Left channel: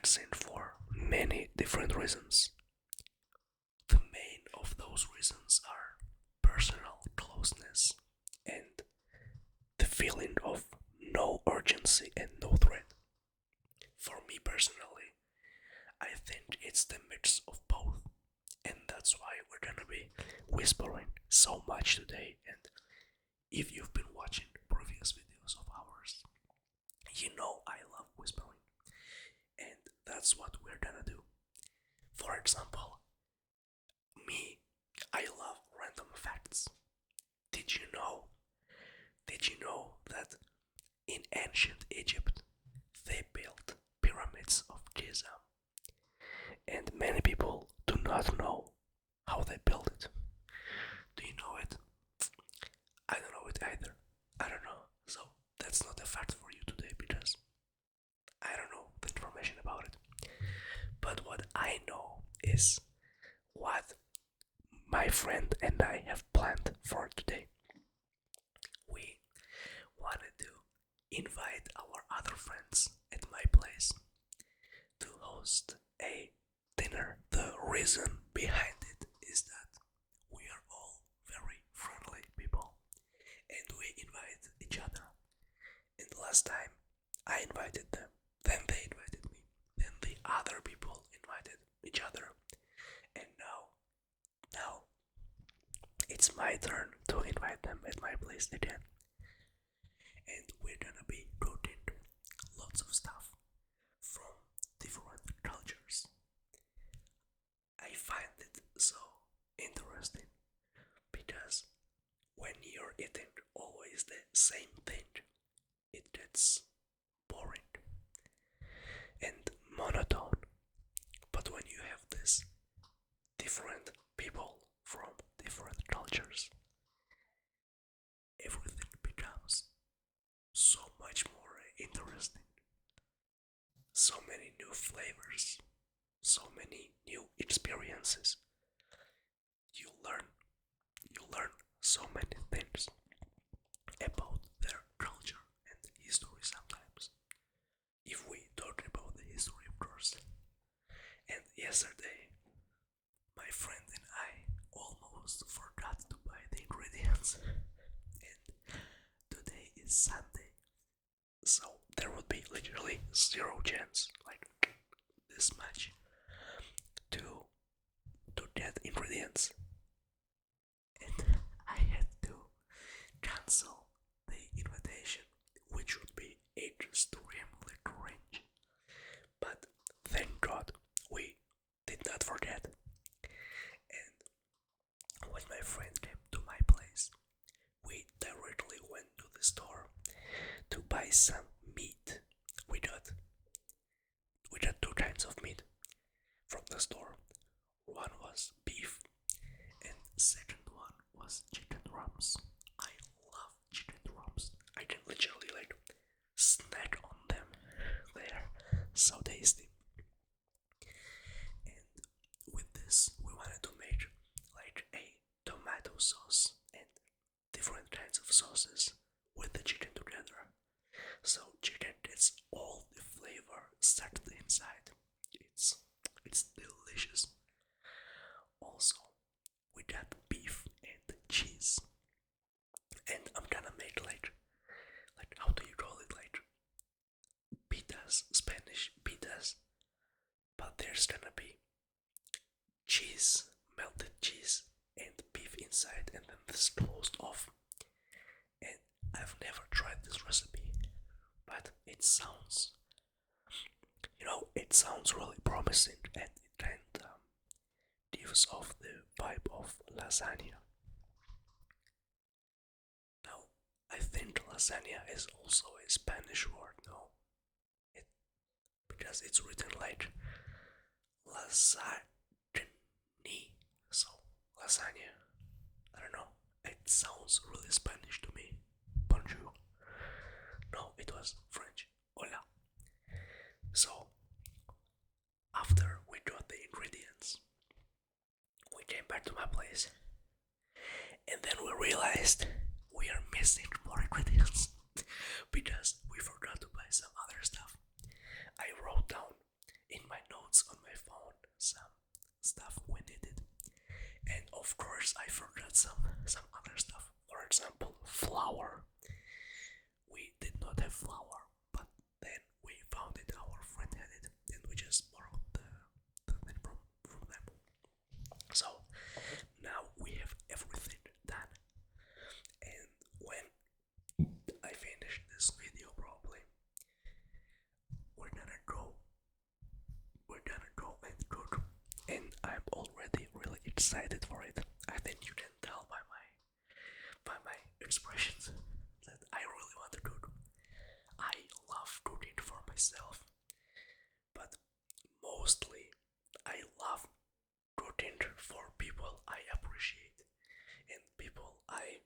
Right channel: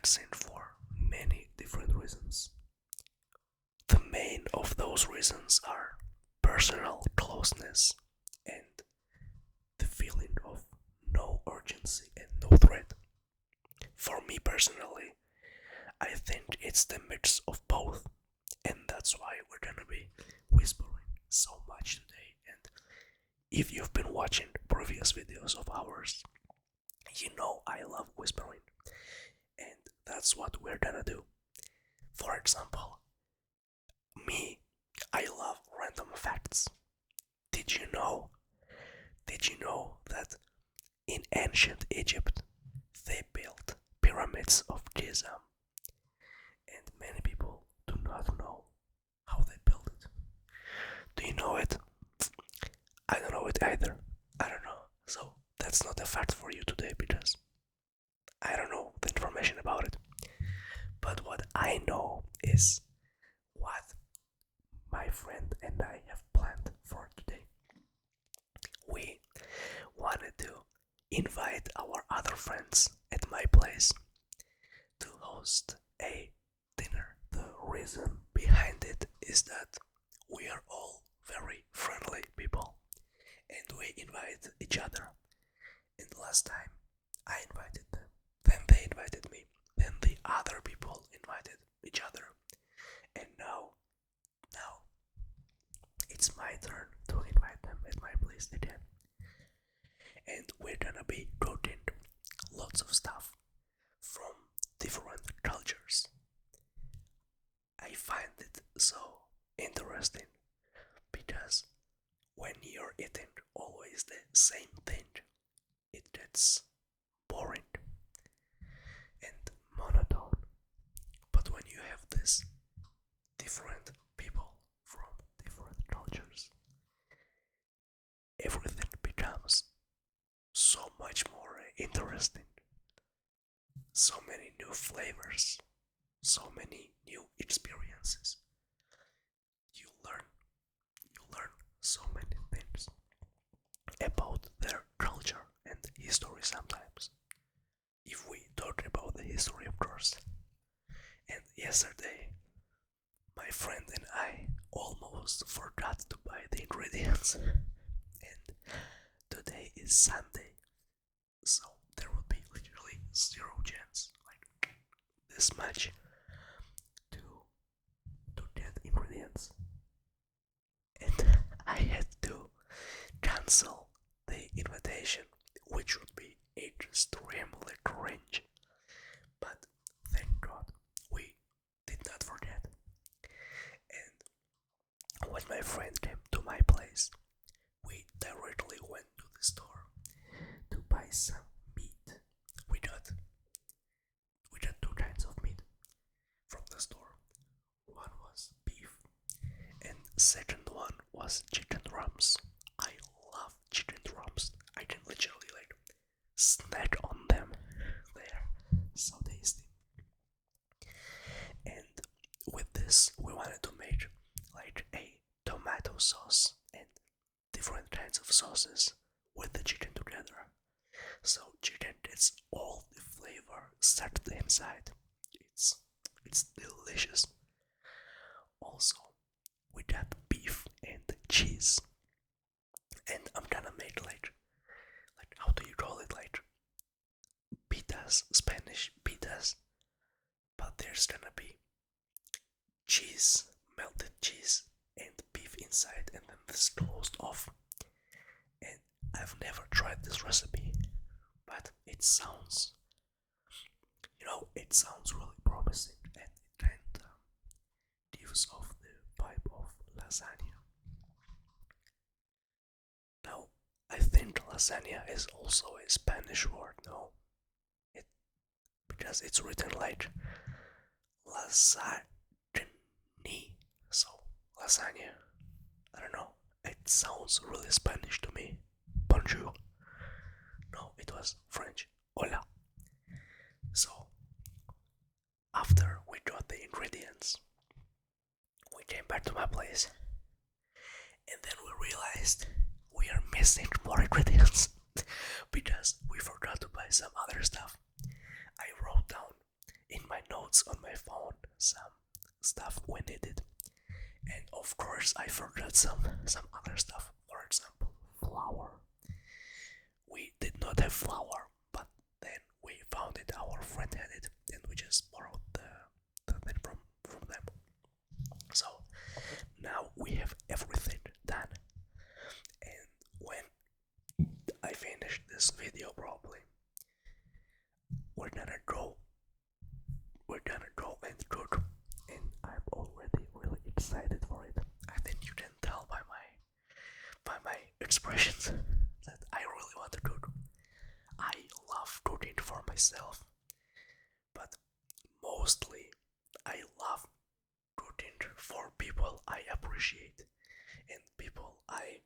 relaxing for many different reasons. The main of those reasons are personal closeness and the feeling of no urgency and no threat. For me personally, I think it's the mix of both, and that's why we're gonna be whispering so much today. And if you've been watching previous videos of ours, you know I love whispering, and that's what we're gonna do. For example, me, I love random facts. Did you know? Did you know that in ancient Egypt they built pyramids of Giza, and many people do not know how they built it? Do you know it? I don't know it either. I don't know. So that's not a fact for you today because I don't know the information about it. But what I know is what my friend and I have planned for today. We wanted to invite our other friends at my place to host a dinner. The reason behind it is that we are all very friendly people and we invite each other. And last time I invited them, then they invited me, then the other people invited each other, and now it's my turn to invite them at my place again. And we're gonna be cooking lots of stuff from different cultures. I find it so interesting because when you're eating always the same thing, it gets boring and monotone. But when you have this different people from different cultures, everything becomes so much more interesting. So many new flavors, so many new experiences. You learn, you learn so many things about their culture and history sometimes. If we talk about the history, of course. And yesterday, my friend and I almost forgot to buy the ingredients. And today is Sunday, so there would be literally zero chance, like this much, to get ingredients. And I had to cancel the invitation, which would be extremely cringe. But thank God we did not forget. And when my friend came to my place, we directly went to the store to buy some meat. We got two kinds of meat from the store. One was beef, and second one was chicken drums. I love chicken drums. I can literally like snack on them. They are so tasty. And with this, we wanted to make like a tomato sauce and different kinds of sauces with the chicken together. So chicken gets all the flavor sucked inside. It's delicious. Also, we got beef and cheese, and I'm gonna make like how do you call it, like pitas, Spanish pitas, but there's gonna be cheese, melted cheese, and beef inside, and then this closed off. And I've never tried this recipe, but it sounds, it sounds really promising, and it kind of gives off the vibe of lasagna. Now, I think lasagna is also a Spanish word, no? It because it's written like lasagna, so lasagna. I don't know. It sounds really Spanish to me. Bonjour. No, it was French. Hola. So, after we got the ingredients, we came back to my place, and then we realized we are missing more ingredients because we forgot to buy some other stuff. I wrote down in notes on my phone, some stuff we needed, and of course I forgot some other stuff. For example, flour. We did not have flour, but then we found it. Our friend had it, and we just borrowed the thing from them. So now we have everything done, and when I finish this video, probably we're gonna go and cook, and I'm already really excited for it. I think you can tell by my expressions that I really want to cook. I love cooking for myself, but mostly I love cooking for people I appreciate and people I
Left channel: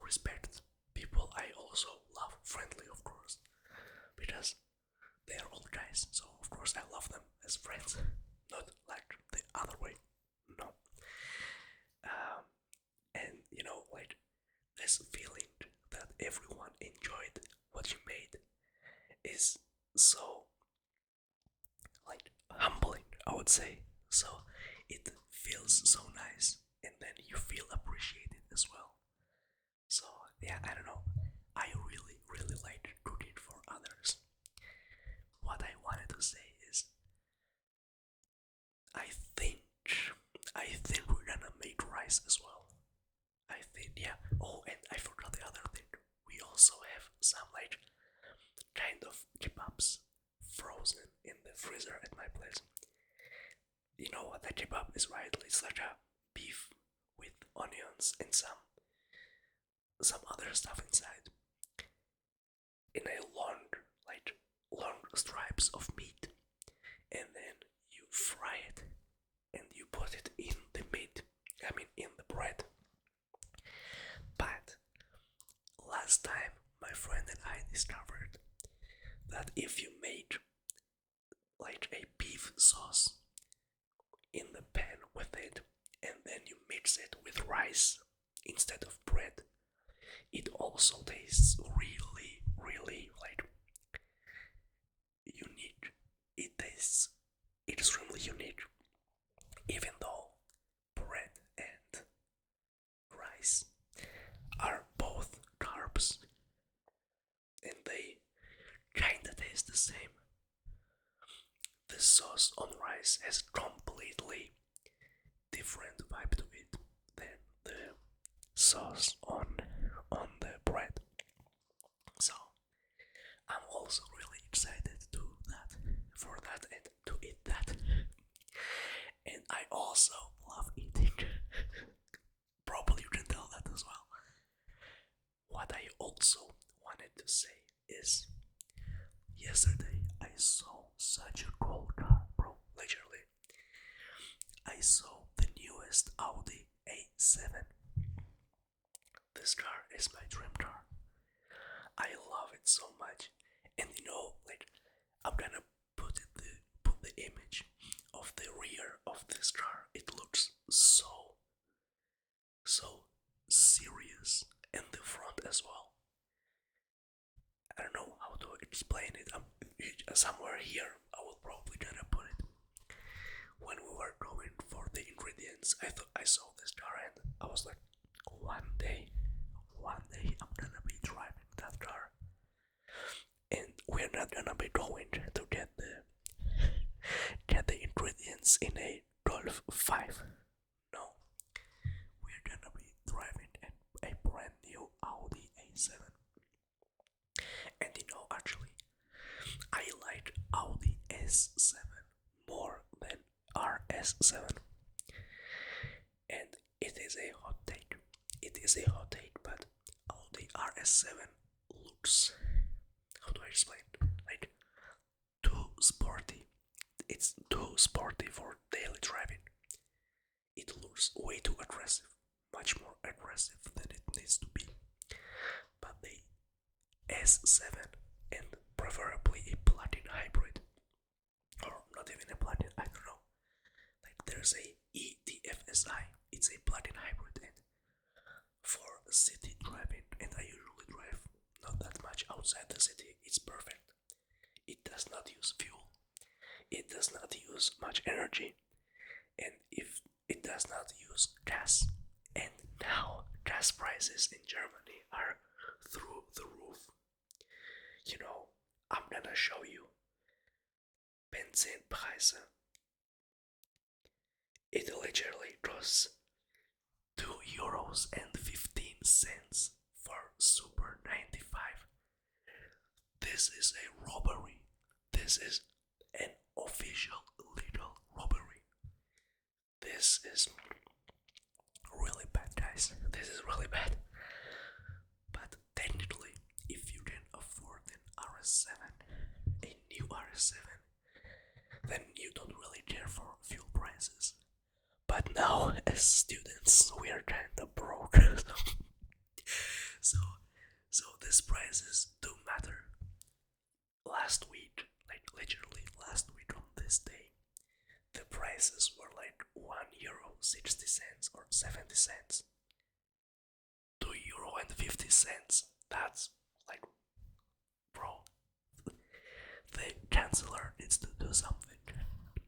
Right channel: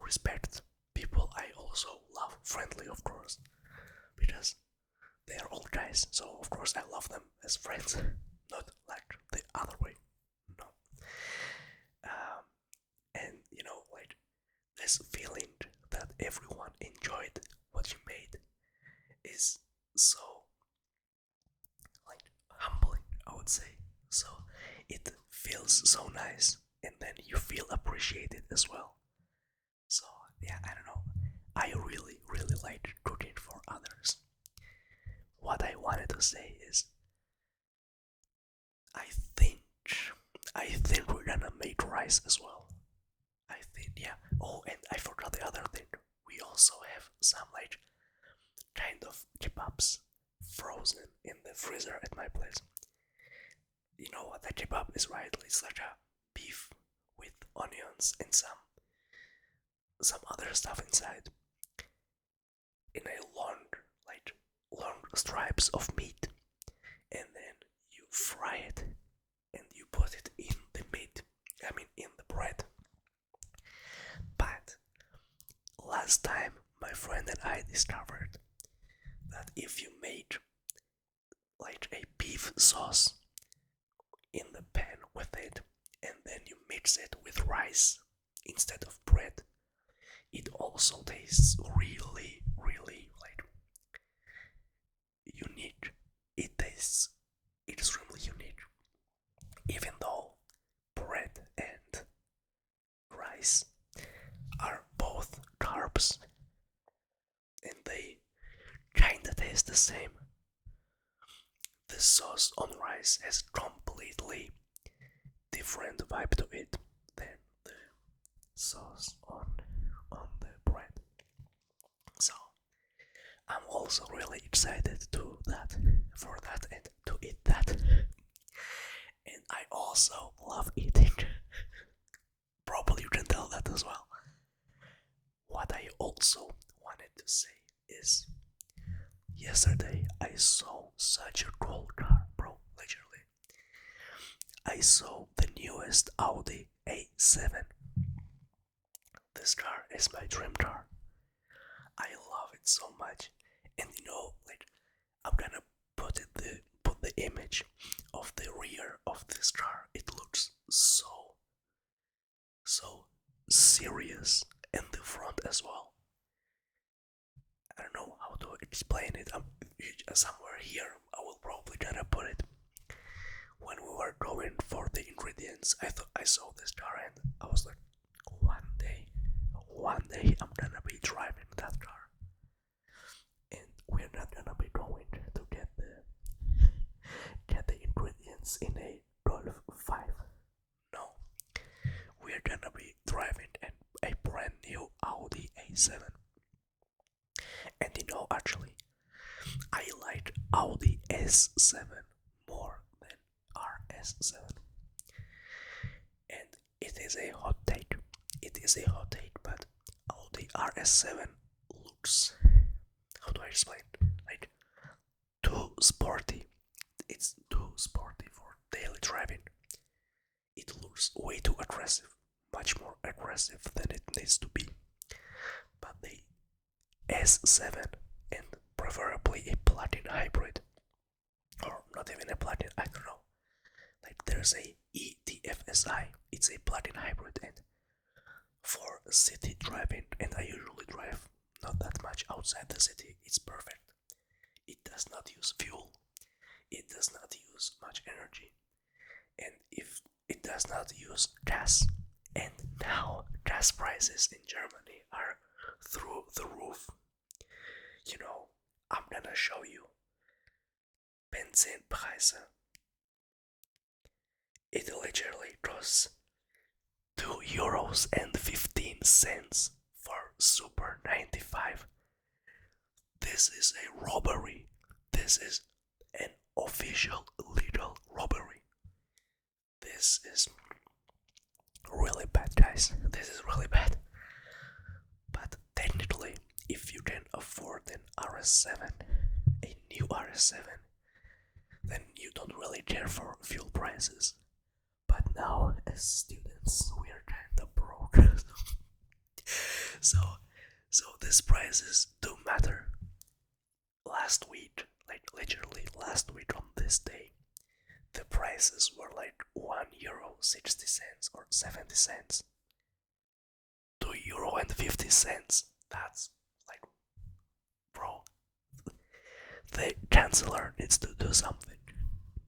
respect, people I also love, friendly of course, because they are all guys, so of course I love them as friends, not like the other way. No. And like this feeling that everyone enjoyed what you made is so like humbling, I would say. So it feels so nice, and then you feel appreciated as well. So yeah, I don't know. I really, really like cooking for others. What I wanted to say is, I think, I think we're gonna make rice as well. I think, yeah. Oh, and I forgot the other thing. We also have some like kind of kebabs frozen in the freezer at my place. You know what a kebab is, right? It's like a beef with onions and some other stuff inside in a long stripes of meat, and then you fry it and you put it in the meat, I mean in the bread. But last time my friend and I discovered that if you make like a beef sauce in the pan with it and then you mix it with rice instead of bread, it also tastes really, really like unique. It tastes extremely unique, even though bread and rice are both carbs and they kinda taste the same. The sauce on rice has completely different vibe to it than the sauce on the bread. So I'm also really excited to that for that and to eat that. And I also love eating. Probably you can tell that as well. What I also wanted to say is, yesterday I saw such a cool car, bro, literally. I saw the newest Audi A7. This car is my dream car. I love it so much. And like I'm gonna put the image of the rear of this car. It looks so serious, and the front as well. I don't know how to explain it. Somewhere here I will probably gonna put it. When we were going for the ingredients, I thought I saw this car and I was like, one day I'm gonna be driving that car. And we're not gonna be going to get the ingredients in a Golf 5. No, we're gonna be driving a brand new Audi A7. And actually, I like Audi S7 more than RS7. And it is a hot take. But Audi RS7 looks, how do I explain? Like, too sporty. It's too sporty for daily driving. It looks way too aggressive, much more aggressive than it needs to be. But the S7, and preferably a plug-in hybrid, or not even a plug-in, I don't know. Like there's a ETFSI, it's a plug-in hybrid, and for city driving, and I usually drive not that much outside the city, it's perfect. It does not use fuel. it does not use much energy, and if it does not use gas. And now gas prices in Germany are through the roof. You know, I'm gonna show you Benzinpreise. It literally costs €2.15 for Super 95. This is a robbery. This is an official legal robbery. This is really bad, guys. This is really bad. But technically, if you can afford an RS7, a new RS7, then you don't really care for fuel prices. But now, as students, we are kinda broke. so, so these prices do matter. Last week, like literally last week on this day, the prices were like €1.60 or 70 cents. €2.50. That's like, bro, the chancellor needs to do something,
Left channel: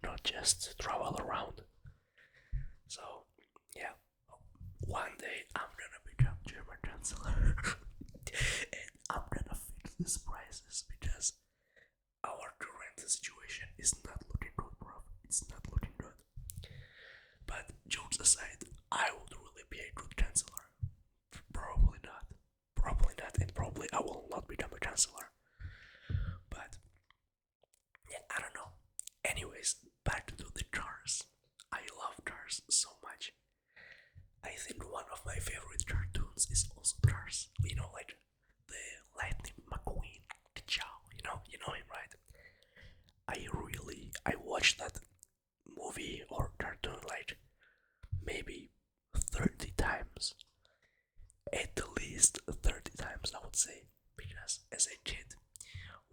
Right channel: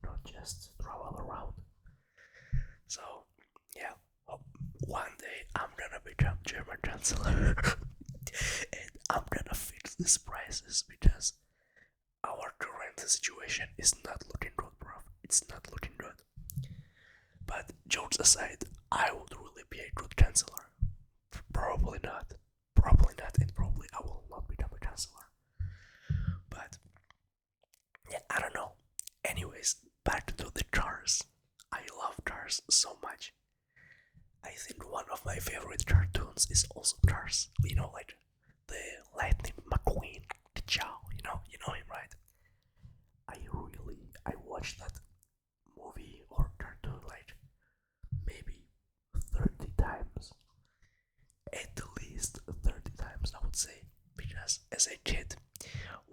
not just travel around. So, yeah, one day I'm gonna become German chancellor and I'm gonna fix these prices because our current situation is not looking good, bro. It's not looking good. But jokes aside, I would really be a good chancellor. Probably not. Probably not, and probably I will not become a chancellor. But yeah, I don't know. Anyways, back to the cars. I love cars so much. I think one of my favorite cartoons is also Cars. You know, like the Lightning McQueen, the Chow. You know him, right? I watched that movie or cartoon like maybe 30 times. At least 30 times, I would say. Because as a kid,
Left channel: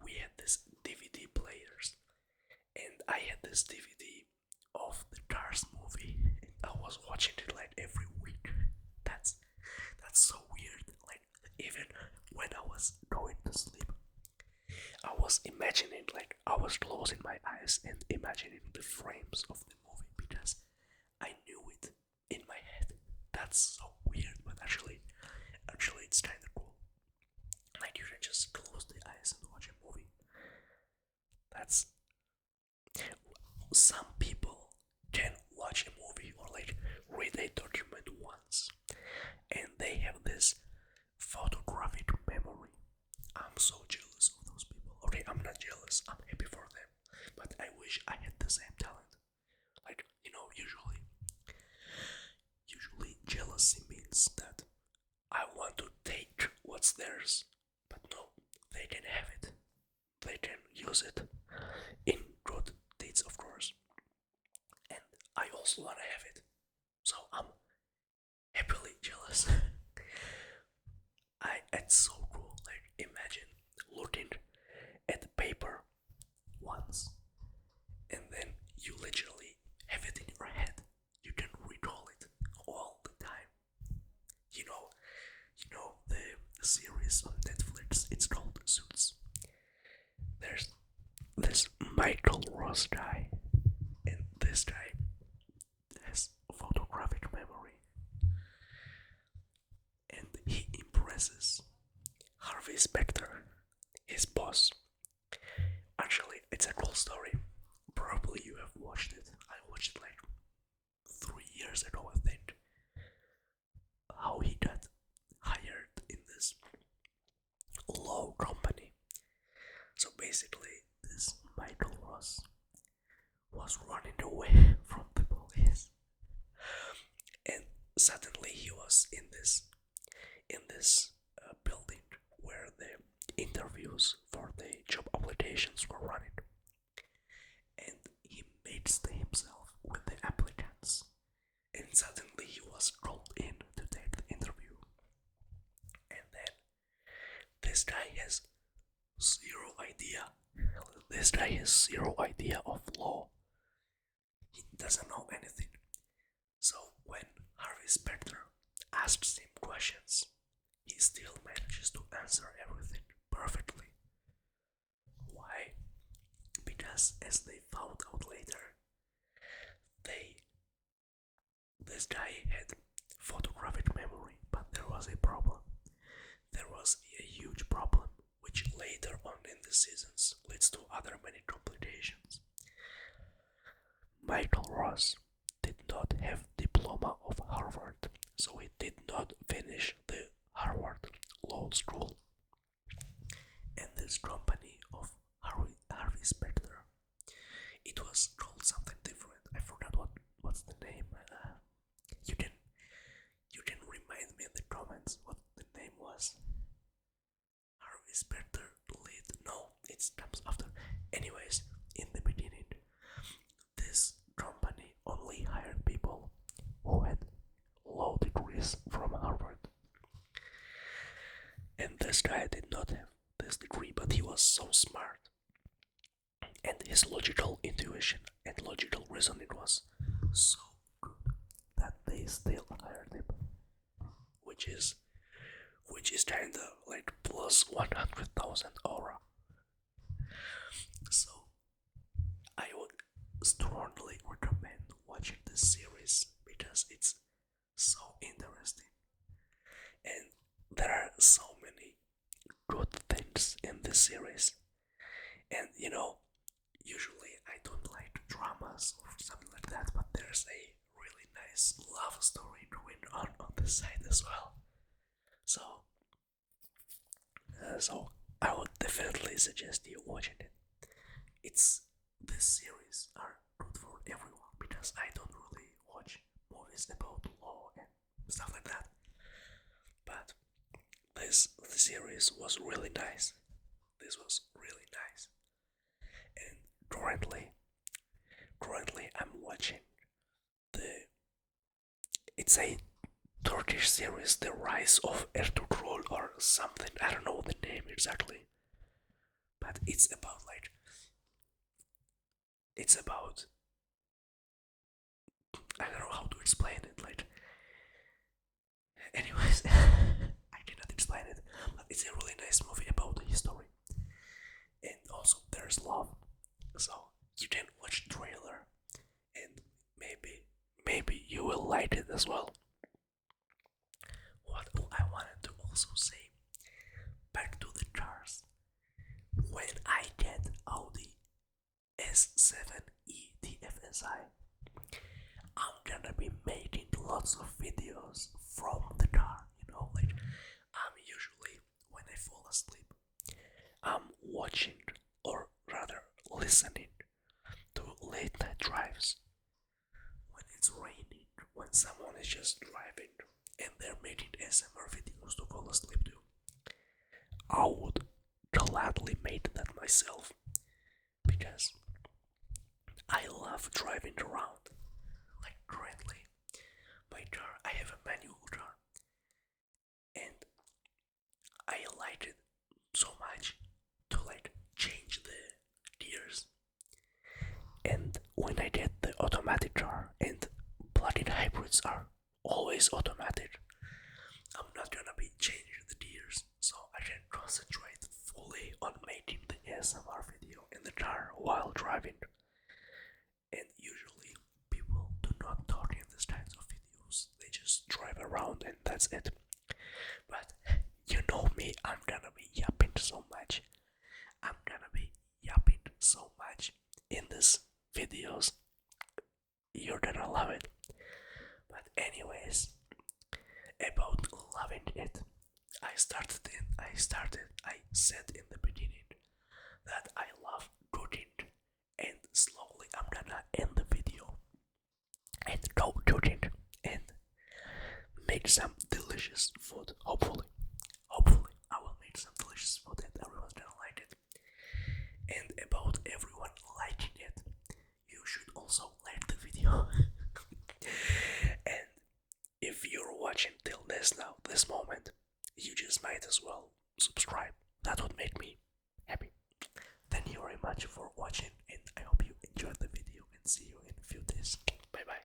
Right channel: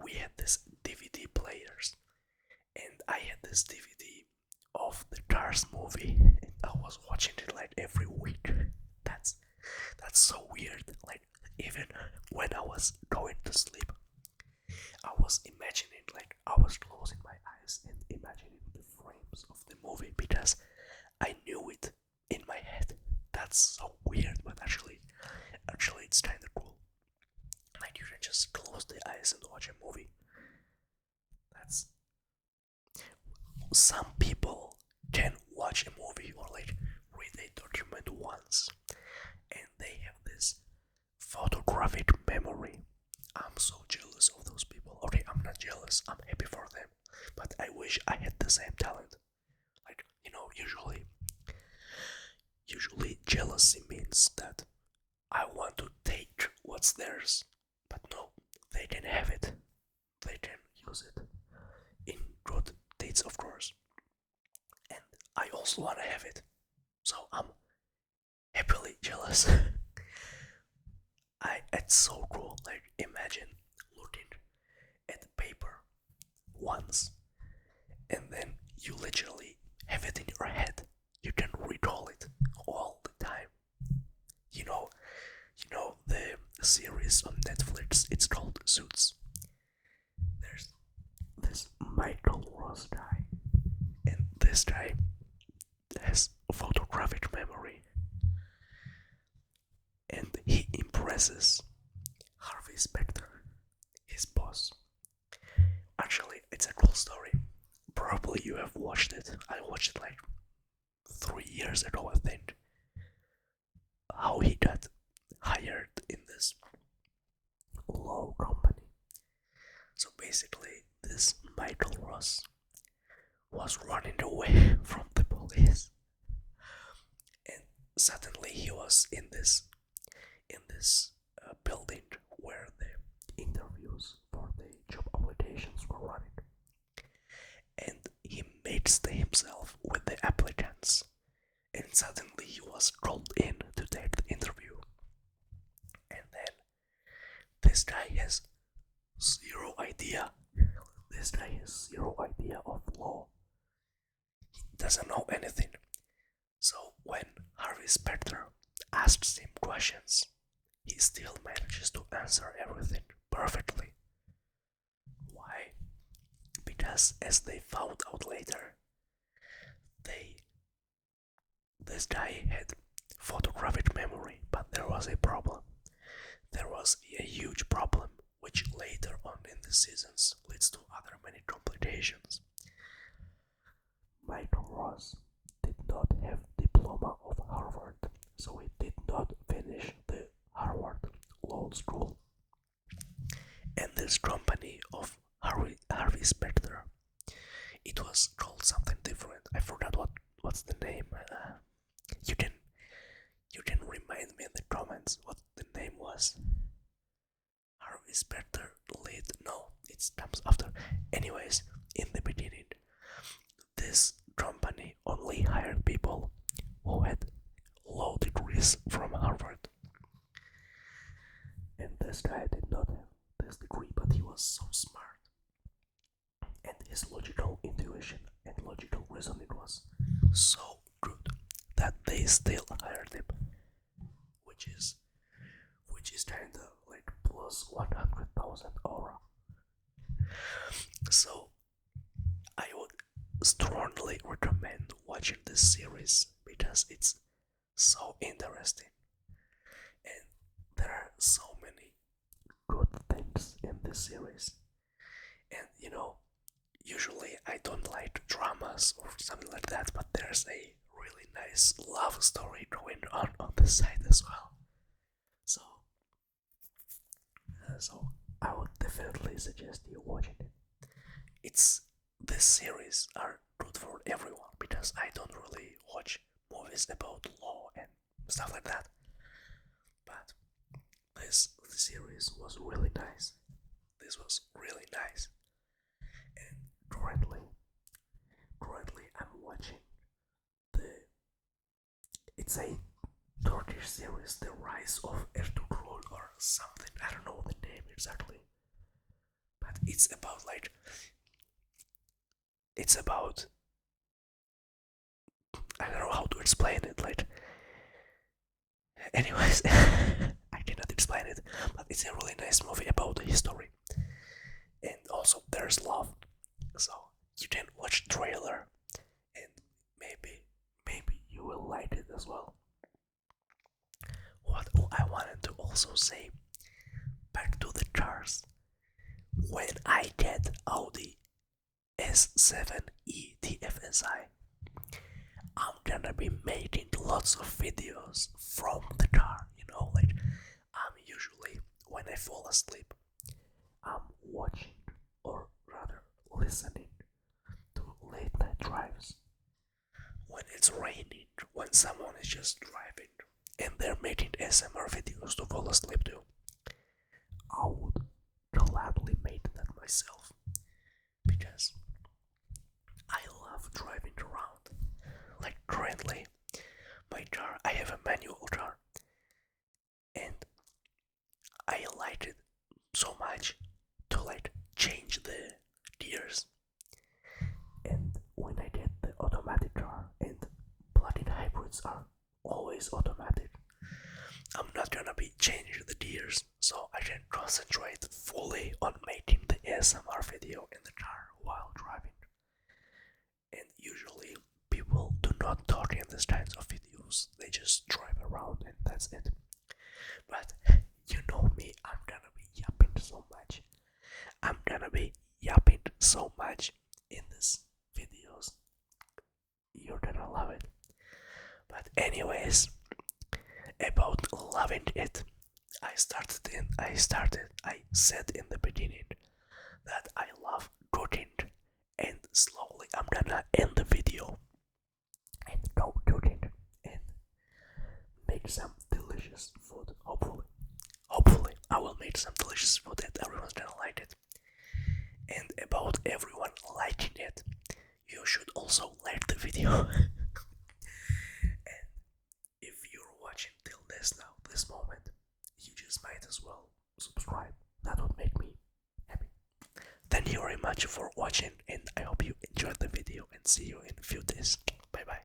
we had these DVD players, and I had this DVD of the Cars movie, and I was watching it like every week. That's so weird. Like even when I was going to sleep, I was imagining, like I was closing my eyes and imagining the frames of the movie because I knew it in my head. That's so weird, but actually it's kind of cool. Like you can just close the eyes and watch a movie. That's some people can watch a movie or like read a document once and they have this photographic memory. I'm so jealous of those people. Okay, I'm not jealous, I'm happy for them, but I wish I had the same talent. Like, usually jealousy means that I want to take what's theirs, but no, they can have it. They can use it in good deeds, of course. And I also want to have it. So I'm happily jealous. It's so cool. Like imagine looking at the paper once and then you literally have it in your head. You can recall it all the time. You know, the series on Netflix. It's called Suits. There's this Michael Ross guy, and this guy has photographic memory, and he impresses Harvey Specter, his boss. Actually, it's a cool story. Probably you have watched it. I watched it like 3 years ago, I think. How he got hired in this law company. So basically, this Michael Ross was running away from the police, and suddenly he was in this building where the interviews for the job applications were running, and he mixed himself with the applicants, and suddenly he was called in to take the interview, and then this guy has zero idea. This guy has zero idea of law. He doesn't know anything. So when Harvey Specter asks him questions, he still manages to answer everything perfectly. Why? Because because as they found out later, they this guy had photographic memory, but there was a problem. There was a huge problem, which later on in the seasons leads to other many complications. Michael Ross did not have diploma of Harvard, so he did not finish the Harvard Law School. And this company of Harvey Specter, it was called something different. I forgot what's the name. You can remind me in the comments what the name was. Harvey Specter lead. No, it comes after. Anyways, in the beginning, this company only hired people who had law degrees from Harvard. And this guy did not have this degree, but he was so smart. And his logical intuition and logical reasoning was so good that they still hired him. Which is kinda like plus 100,000 aura. So I would strongly recommend watching this series because it's so interesting and there are so many good things in this series. And usually I don't like dramas or something like that, but there's a really nice love story going on the side as well. So I would definitely suggest you watching it. This series are good for everyone because I don't really watch movies about law and stuff like that. But this series was really nice. This was really nice. And currently I'm watching it's a Turkish series, The Rise of Ertugrul or something. I don't know the name exactly. But it's about I don't know how to explain it. Anyways, I cannot explain it, but it's a really nice movie about the history, and also there's love. So you can watch the trailer, and maybe you will like it as well. What I wanted to also say, back to the cars. When I get Audi S7e TFSI, I'm gonna be making lots of videos from the car, I'm usually, when I fall asleep, I'm watching, or rather listening to late night drives. When it's raining, when someone is just driving, and they're making ASMR videos to fall asleep to, I would gladly make that myself, because I love driving around. Like currently, my car, I have a manual car, and I like it so much to change the gears. And when I get the automatic car, and plug-in hybrids are always automatic, I'm not gonna be changing the gears, so I can concentrate fully on making the ASMR video in the car while driving. And usually people do not talk in these kinds of videos, they just drive around and that's it. But you know me, I'm gonna be yapping so much. I'm gonna be yapping so much in these videos. You're gonna love it. But anyways, about loving it, I said in the beginning that I love cooking, and slowly I'm gonna end the video and go cooking and make some delicious food. Hopefully I will make some delicious food and everyone's gonna like it. And about everyone liking it, you should also like the video. And if you're watching till this moment, you just might as well subscribe. That would make me happy. Thank you very much for watching, and I hope you enjoyed the video, and see you in a few days. Bye bye.